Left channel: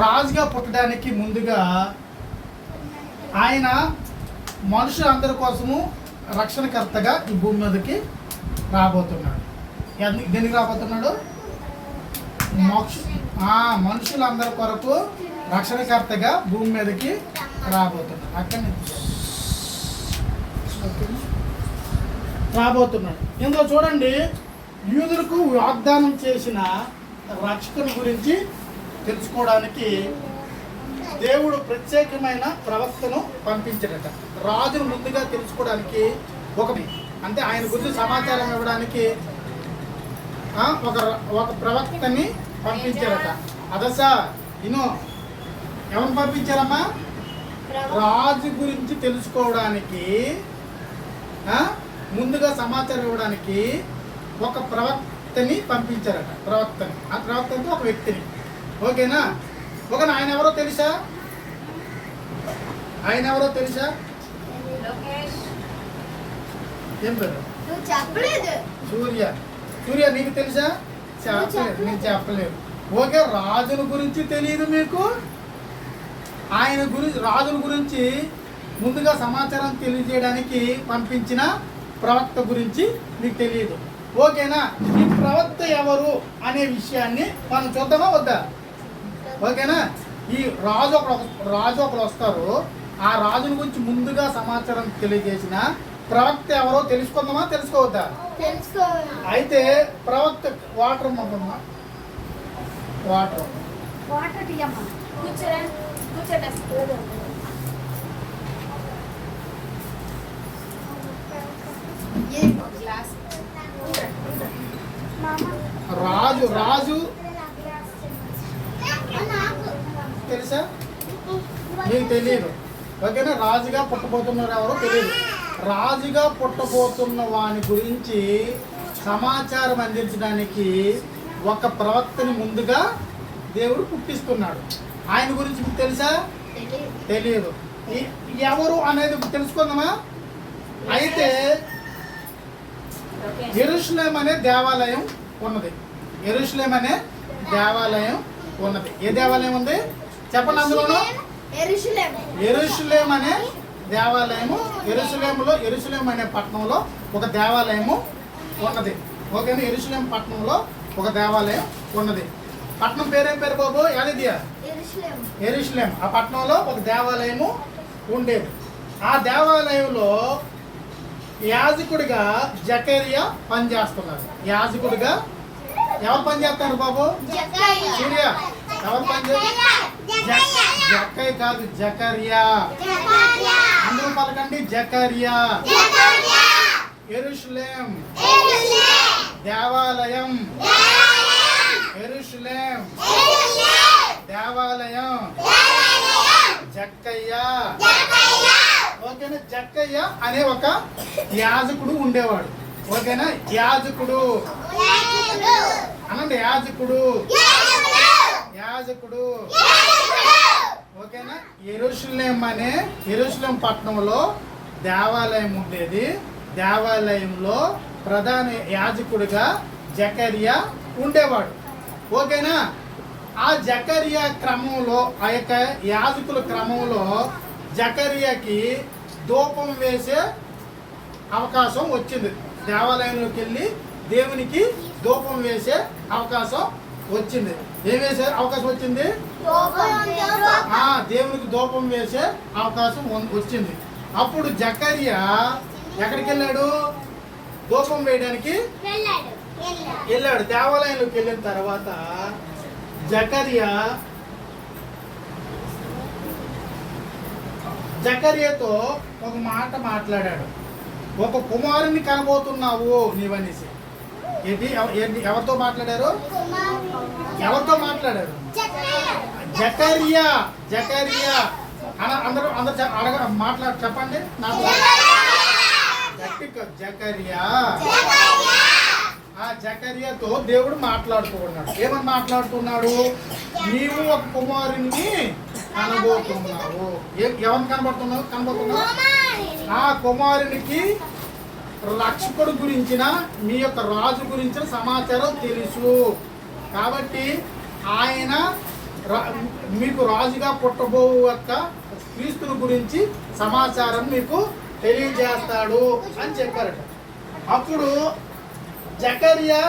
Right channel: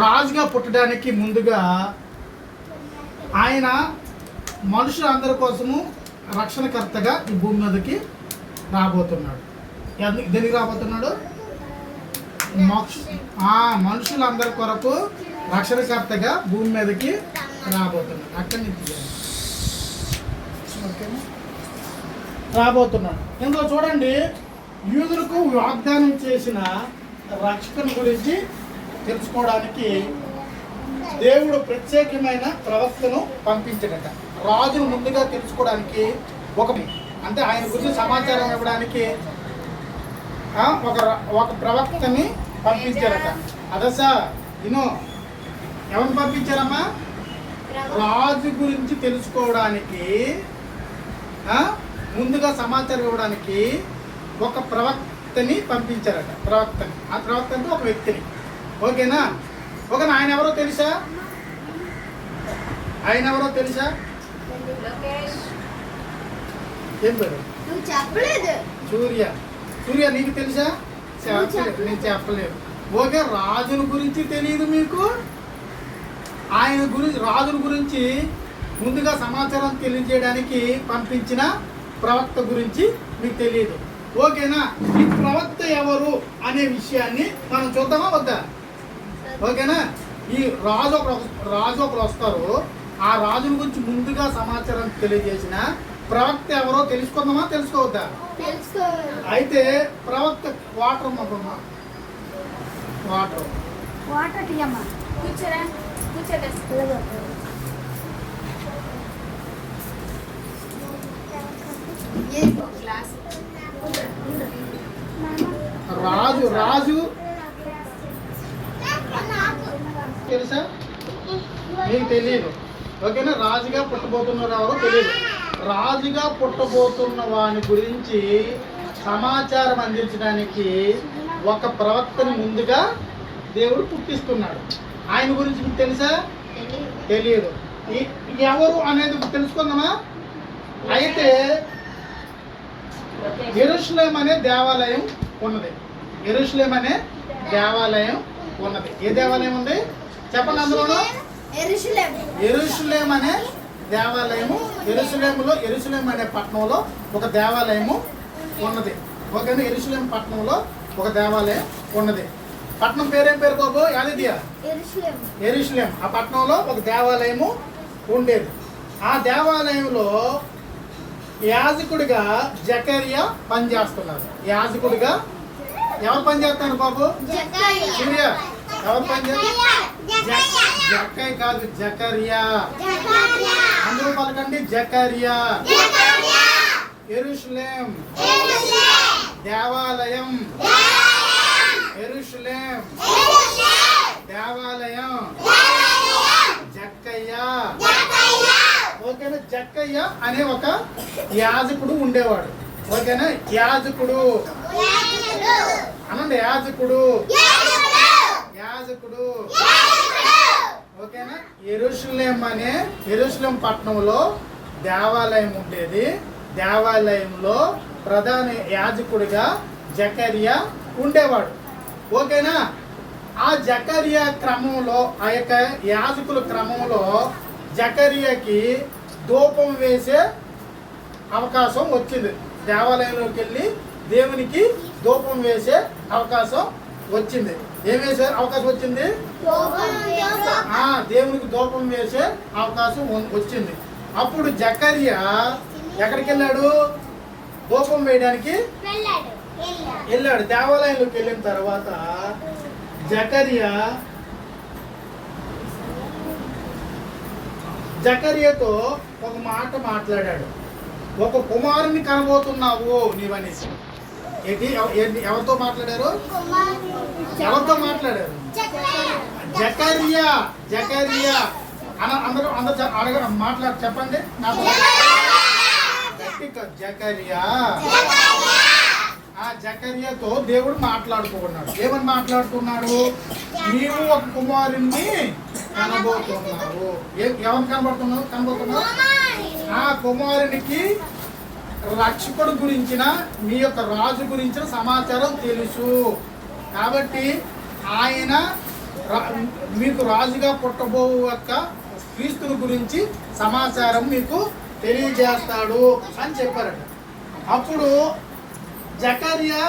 రాజుగా పుట్టడానికి ముందుగా ఆయన మనుషులందరి కోసము రక్షణకర్తగా ఈ భూమి మీదకి రాబోతున్నాడు. దేనికి రాబోతున్నాడు? మనుషులందరి కొరకు రక్షణకర్తగా భూమి మీదకి రాబోతున్నాడు. అక్కడి నుంచి రాబోతున్నాడు. ఇందులో చూడండి, యూదులకు వాగ్దానం చేసిన రక్షకుని గురించి తెలుసుకోవడానికి దేవుడు ప్రత్యేకమైన ప్రవక్తను పంపించడట. రాజును ముందుగా తెలుసుకోవడానికి అంటే ఆయన గురించి సమాచారం ఇవ్వడానికి ఒక ప్రవక్తని పంపించారట. అదసా ఎవరు పంపించారమ్మా? రాజు గురించి తెలుసుకోవడానికి ముందుగా సమాచారం ఇవ్వడానికి ఒక ప్రవక్తని పంపించారట. ఆ ప్రవక్త అంటే ఒక వ్యక్తిని. ఓకేనా? ఆయన ఎవరో తెలుసా? ఏం పేరు? సూర్య నీకు తెలుసా? నేను చెప్పలేదు. ఓకే, రాజుని గురించి తెలియదు మీకు? రాజుని గురించి ముందుగా సమాచారం తెలియజేయడానికి పంపించిన ప్రవక్త గురించి మీకు తెలియదు. ఓకేనా? ఈ ప్రవక్త ఎవరు అనే విషయాన్ని మనం చూద్దామా వద్దా? ఓకేనా? ఈ రాజు ఒకరు వస్తారు. ఆ రాజుని గురించి ముందుగా సమాచారం తెలియజేసిన ప్రవక్త ఎవరో తెలుసుకుందామా తెలుసుకోవద్దా? అయితే ప్రవక్త వాటర్ రాజు తెలుసా? మీకు తెలియదు. ఓకేనా? రాజుగా పుట్టబోతున్నారు ఎవరో తెలియదు. రాజుగా పుట్టబోతున్న వాని గురించి సమాచారం అందించడానికి ఒక ప్రవక్తని ముందుగా దేవుడు పుట్టిస్తున్నాడు. ఆయన గురించి మీకు తెలుసా? తెలియదు. ఎవరు అనేది తెలుసుకుందామా? అయితే యెరూషలేం అనే దేవాలయం ఉన్నది. ఏ దేవాలయం ఉంది చెప్పండి? అందులోనూ యెరూషలేం అనే దేవాలయము. యెరూషలేం అనే పట్టణంలో ఒక దేవాలయము ఉన్నది. ఓకేనా? యెరూషలేం పట్టణంలో ఒక దేవాలయం ఉన్నది. పట్టణం పేరేం పేరు బాబు? యాదిదియా? యెరూషలేం. ఆ పట్టణంలో ఒక దేవాలయము ఉండేది. ఆ దేవాలయంలో యాజకుడిగా జకర్యా పనిచేస్తున్నారు. యాజకుడిగా ఎవరు పనిచేస్తున్నారు బాబు? సూర్య ఎవరు పనిచేస్తారు? జక్కయ్య కాదు, జకర్యా. అందరూ పలకండి, జకర్యా. యెరూషలేం దేవాలయం. యెరూషలేం దేవాలయం. జక్కయ్య. ఓకేనా? జక్కయ్య అనే ఒక యాజకుడు ఉండేవాడు. ఓకేనా? యాజకుడు అనండి. యాజకుడు. ఓకేనా? యెరూషలేం పట్టణంలో దేవాలయం ఉండేది. దేవాలయంలో ప్రధాన యాజకుడిగా జకర్యా ఉండేవాడు. ఓకేనా? ఆ జకర్యా క్రమంలో, ఆ యొక్క యాజకుల క్రమంలో జకర్యాకి ధూపం వేసే అవకాశం వచ్చింది. దేవాలయంలోకి వెళ్ళి దేవునికి ధూపం వేసే అవకాశం వచ్చింది. ఏం వేసే అవకాశం వచ్చింది? దేవునికి ధూపం వేసే అవకాశం వచ్చింది. అప్పుడు జకర్యా ఎక్కడికి వెళ్ళాడు? ధూపం వేయడానికి వెళ్ళాడు. దేవాలయంలోకి వెళ్ళిన తర్వాత జకర్యాతో ఒక మాట మాట్లాడాడు. ఒక కుమారుని కనబోతున్నావు నీవనేసి. ఎవరితో మాట్లాడారు? జకర్యా. అందరూ చెప్పండి నాకు. జకర్యా. ఆ జకర్యాతో దేవుడు మాట్లాడుతున్నాడు. ఏమని మాట్లాడుతున్నాడు? నీవు ఒక కుమారుణ్ణి కనబోతున్నావు. ఎవరిని కనబోతున్నావు? ఆ కుమారునికి రక్షకుడు గురించిన, మీ యొక్క రాజు గురించిన సమాచారం తెలుసు. కాబట్టి ఆయన మీకు రాజుగా పుట్టబో యొక్క క్రీస్తుని గురించి సమాచారం మీకు తెలియజేస్తాడు అని చెప్పారట. అప్పుడు జకర్యా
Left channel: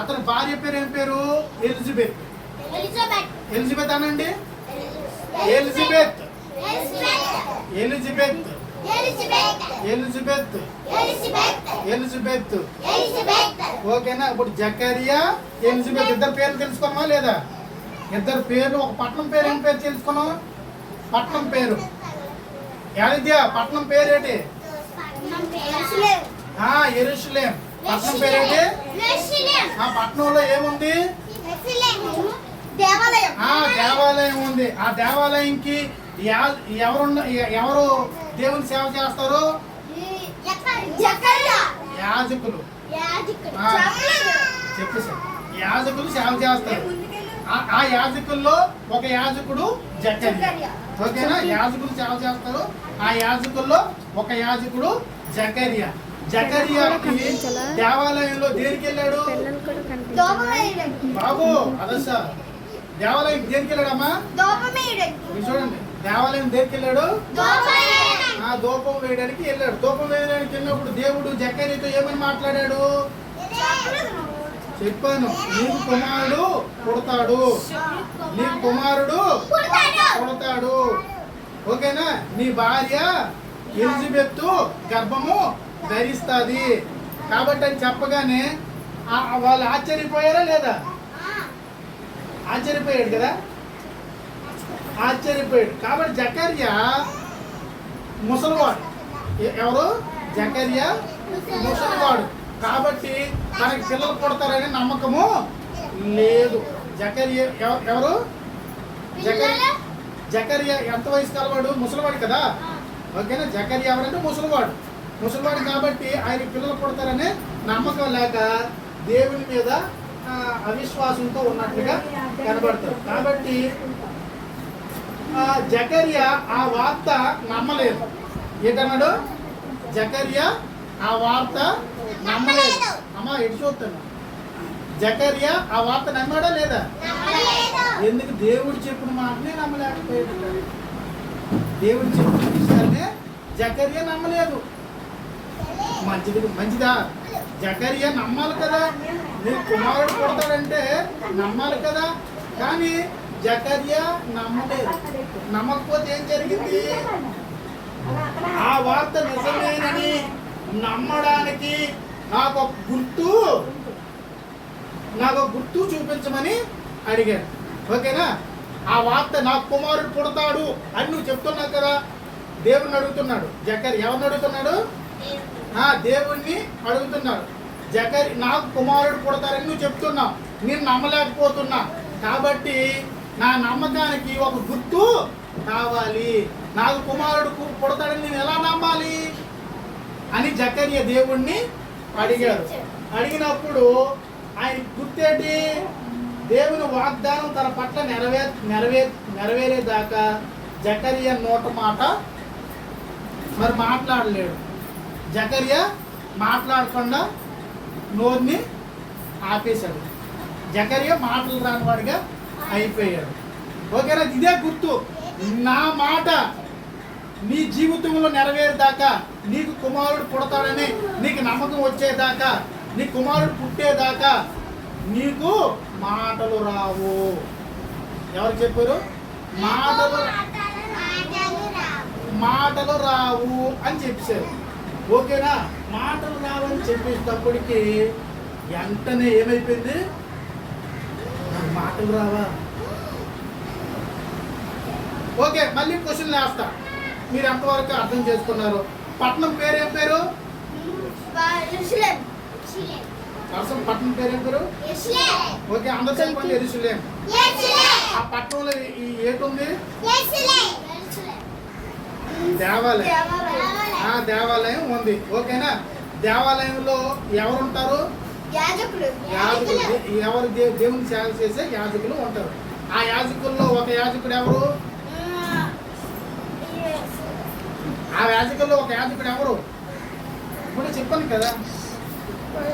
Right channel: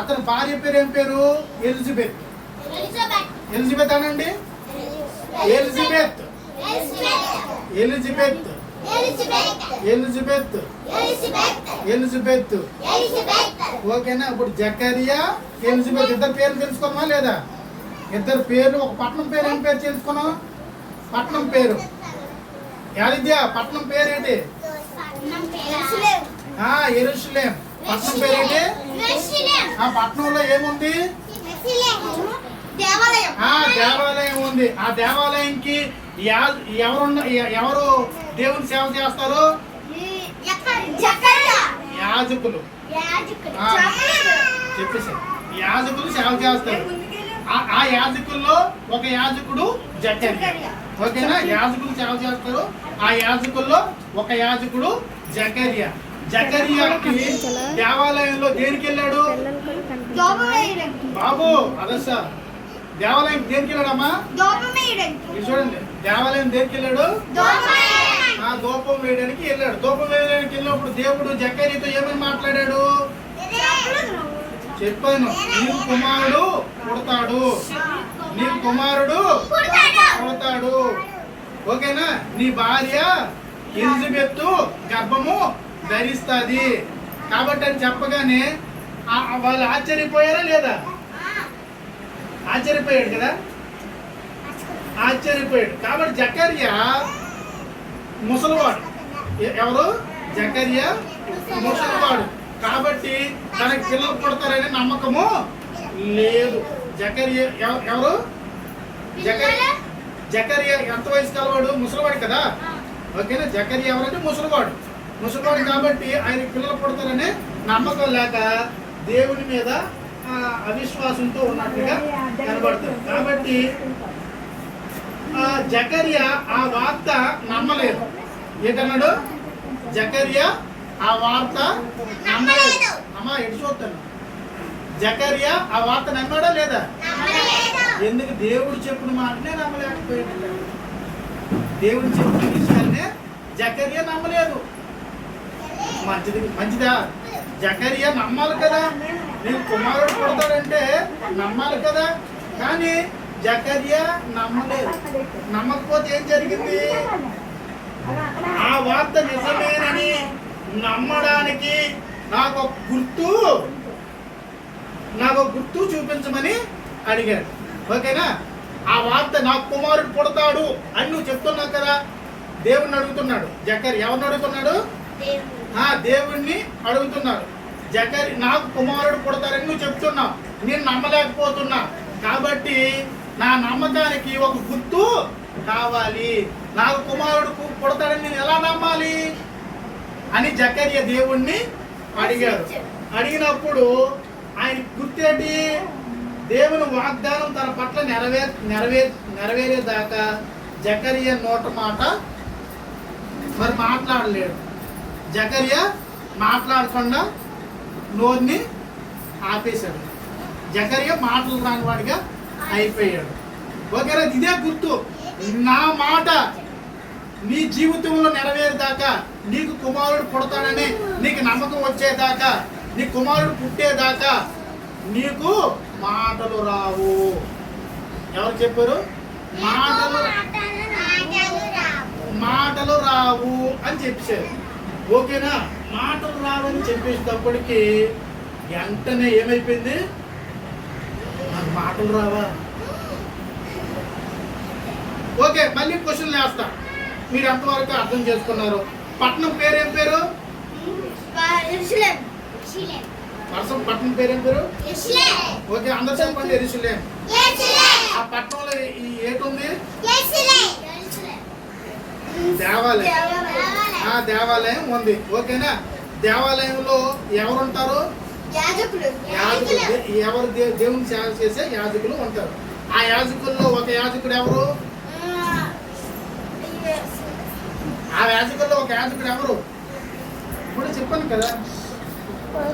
అతని భార్య పేరు ఏం పేరు? ఎలిజబెత్. ఎలిజబెత్ అనండి. ఎలిజబెత్ ఎలిజబెత్ ఎలిజబెత్ ఎలిజబెత్ ఓకేనా. ఇప్పుడు జకర్యా ఎలిజబెత్ ఇద్దరు పేర్లు తెలుసుకున్నామా లేదా? ఇద్దరు పేర్లు. ఒక పట్నం పేరు ఏం పేరు తెలుసుకున్నాం? పట్నం పేరు యాదిద్యా. పట్నం పేరు ఏంటి? యెరూషలేం. పట్నం పేరు ఏంటి? ఆ పట్నంలో ఏముంది? దేవాలయం ఉంది. ఆ దేవాలయంకి ఎవరు దేవుని సేవ చేస్తారు? యాజకులు. చెప్పేసి యాజకులు సేవ చేస్తారు. ఆ యాజకుల్లో ఒక యాజకుడు జకర్యా. ఓకేనా. యాజకులు సేవ చేస్తారు. ఆ యాజకుల్లో ఒక యాజకుడు జకర్యా. జకర్యాకి దేవాలయంలో దేనికి వెళ్ళాడు బాబు? అదర్శ దేవాలయం దేనికి వెళ్ళాడమ్మా? చూడండి, దేవాలయం దేనికి వెళ్ళాడు? ధూపం వేయడానికి వెళ్ళాడు. ధూపం వేయడానికి వెళ్ళినప్పుడు దేవుడు జకర్యాతో ఏమని మాట్లాడాడు? చెప్పాను, నీకు కుమారుడు పుడతాడు, నీకు కుమారుడు పుడతాడు. ఓకేనా. నీ భార్య ఎలిజబెత్ గర్భము ధరిస్తుంది కాబట్టి అని చెప్పగానే వాళ్ళు ఆశ్చర్యపోయారా లేదా? ఆశ్చర్యపోయాడు కదా. ఆశ్చర్యపోయాడు. కాబట్టి జకర్యా ముసలివాడు. ఎవరు? జకర్యా ముసలివాడు. కాబట్టి తనకి పిల్లలు పుడతారనే నమ్మకము లేదు. జకర్యా ఎవరు? జకర్యా ఎంత వయసు కలవాడు? ముసలివాడు కదా. ఓకేనా. జకర్యా ఎవరంటే ముసలివాడు. ముసలివాడు కాబట్టి ఆయన పిల్లలు పుడతారనే నమ్మకం లేక దేవుని మీద అవిశ్వాసంతో ఉన్నట్టుగా కనబడతారు. కాబట్టి జకర్యా ఆ వార్త నమ్మలేదు. ఏంటన్నాడు? జకర్యా ఆ వార్త నమ్మలేదు. అమ్మా ఎటు చూస్తాను. జకర్యా ఆ వార్త నమ్మాడా లేదా? ఎందుకు? దేవుడు చెప్పిన మాటనే నమ్మలేకపోయాడు. దేవుడు చెప్పిన విషయాన్నే జకర్యా నమ్మలేదు. మంచిదా? జకర్యా నమ్మాలి కదా. నీకు కుమారుడు పుడతాడంటే నమ్మాలి కదా. కానీ జకర్యా నమ్మలేదు. నమ్మకపోతే ఏం జరిగింది? ఆ వార్త నిజమేనని నమ్మడానికి నాకు గుర్తు చూపించమని అడిగాడు. ఓకేనా. ఆ వార్త నాకు కుమారుడు పుడతాడు అని నువ్వు చెప్తున్నావు కదా. దేవుణ్ణి అడుగుతున్నాడు జకర్యా. ఎవరిని అడుగుతున్నాడు? దేవుణ్ణి అడుగుతున్నాడు. జకర్యా నాకు కుమారుడు పుడతారని నువ్వు చెప్తున్నావు, నేను నమ్మలేకపోతున్నా. కాబట్టి నా నమ్మకానికి ఒక గుర్తు కావాలి. నాకు కుమారుడు పుడతాడని నేను ఎలా నమ్మాలి అని జకర్యా దేవుణ్ణి అడిగాడు. అడిగినప్పుడు ఆయన గుర్తేంటి? దేవుని వాగ్దానం తన పట్ల నెరవేరేదాకా జకర్యా నోట మాట మరి మాట్లాడలేడు. జకర్యా మాట్లాడకుండా నోరుని ఆపేశాడు. జకర్యా మాటలు రానివాడిగా అయిపోయాడు. ఓకేనా. ఇదే గుర్తు. నా మాట నీ జీవితంలో నెరవేరేదాకా, నీకు కుమారుడు పుడతాడని నీకు నమ్మకం వచ్చేదాకా, నీ కుమారుడు పుట్టేదాకా నీకు మాటలు రావు. ఎవరు చెప్పారు? మాటలు రావు అని చెప్పారు. ఓకేనా. మాటలు రావు అని చెప్పేటప్పటికి వెంటనే ఏమైపోయింది? నాకు మాటలు రావా? ఓకే, మళ్ళీ క్వశ్చన్లు వేస్తా. మీరు ఎంతవరకు అర్థం చేసుకున్నారు? పట్నం పేరు ఏం పేరు? పట్నం పేరు ఏం పేరు? ఓకే, అందరు చెప్పండి. యెరూషలేం. ఆ పట్టణంలో ఏటుంది? దేవాలయం. దేవాలయం ఉంది. ఓకేనా. దేవాలయంలో ఎవరుంటారు? యాజకులు. ఎవరు? దేవుని సేవ చేసే యాజకులు ఉంటారు. ఆ యాజకుల్లో ఒక యాజకుడు ఎవరు? ఆ యాజకుల్లో ఒక యాజకుడు ఎవరు? ఇప్పుడు చెప్పాను కదా,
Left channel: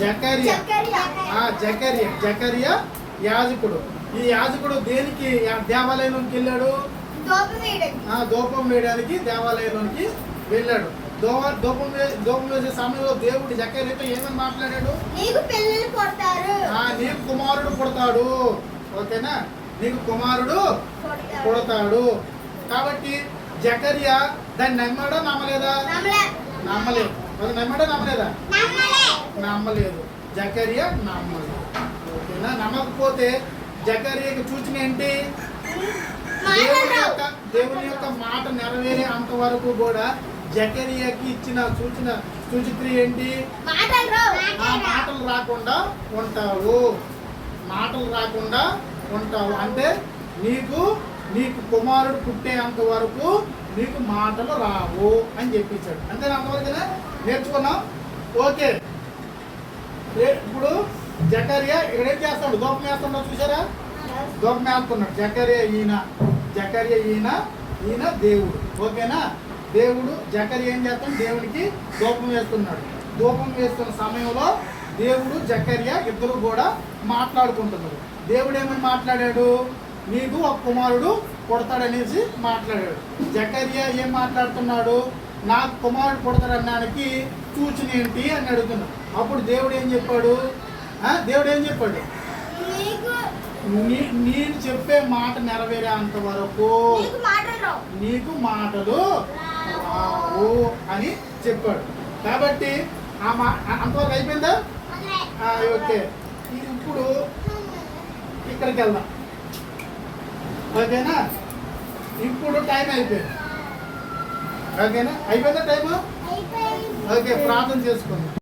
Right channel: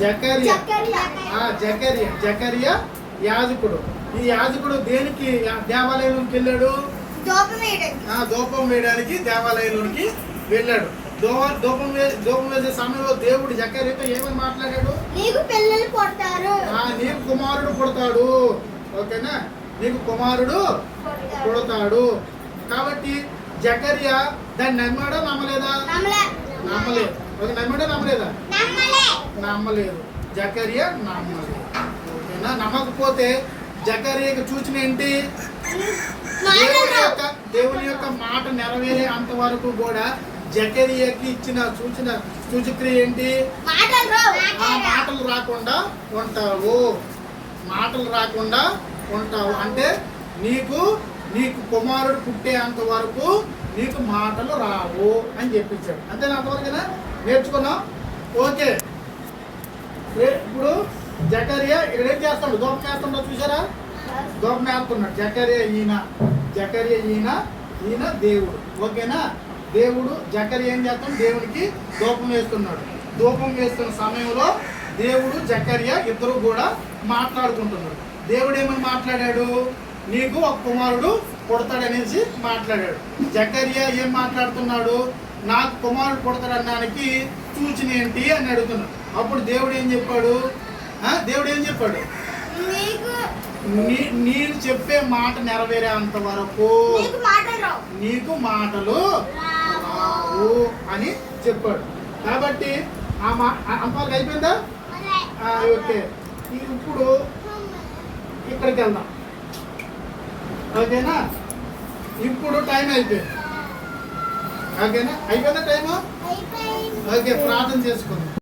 జకర్యా. జకర్యా యాజకుడు. ఈ యాజకుడు దేనికి దేవాలయంలోకి వెళ్ళాడు? ధూపం వేయడానికి దేవాలయంలోనికి వెళ్ళాడు. ధూపం వేసే సమయంలో దేవుడు జకర్యాతో ఏమని మాట్లాడాడు? నీకు పిల్లలు పుడతారు, నీకు కుమారుడు పుడతాడు. ఓకేనా? నీకు కుమారుడు పుడతాడు. కాబట్టి జకర్యా దాన్ని నమ్మాడా నమ్మలేదా? నమ్మలేదు. అది నమ్మాడా నమ్మలేదా? నమ్మలేదు. జకర్యా నమ్మలేదు. ఓకేనా? నమ్మకపోతే జకర్యాకి సూచన ఏంటి? దేవుని యొక్క మాట నెరవేరే అంతవరకు కూడా జకర్యాకి ఇచ్చిన సూచక్రియ ఏంటి? మాటలు రాకుండా ఉంటావు. మాటలు రాకుండా ఉంటావు అంటే నీకు కుమారుడు పుట్టేంత వరకు నీకు మాటలు రావు అని చెప్పించాడు. అంతేనా? అంతవరకునా నేర్చుకున్నాం. ఓకే, ఇప్పుడు జకర్యా ఇక్కడ ఏం చేస్తాడు? ధూపం వేస్తున్నాడు, చూసారా? ధూపం వేస్తున్నాడు. జకర్యా ఈయన దేవుడు. ఓకేనా? దేవుడు జకర్యా ఏం చేస్తాడు? దేవునికి ధూపం వేస్తున్నాడు. ధూపం వేస్తున్న సమయంలో దేవుడు జకర్యా ఇద్దరు కూడా మాట్లాడుకుంటున్నాడు. దేవుడు ఏమని మాట్లాడాడు? నీకు ఒక కుమారుడు పుడతాడనేసి మాట్లాడాడు. జకర్యా ఏం మాట్లాడుతున్నాడు? నాకు కుమారుడు పుడతాడనడానికి సూచన ఏంటి అని అడుగుతున్నాడు. అప్పుడు దేవుడు ఏం చెప్పాడు? నేను చెప్పే మాట నెరవేరే అంత వరకు నీకు మాటలు రావు అని చెప్పాడు. కాబట్టి అంతవరకు అయిపోయిందా? ఓకే, ఇప్పుడు ఇక్కడికి వెళ్దాం. ఓకేనా? ఇప్పుడు టైం అయిపోయింది. ఓకేనా? అయిపోయిందా టైము? ఓకే, ప్రార్థన చేసుకుందాం.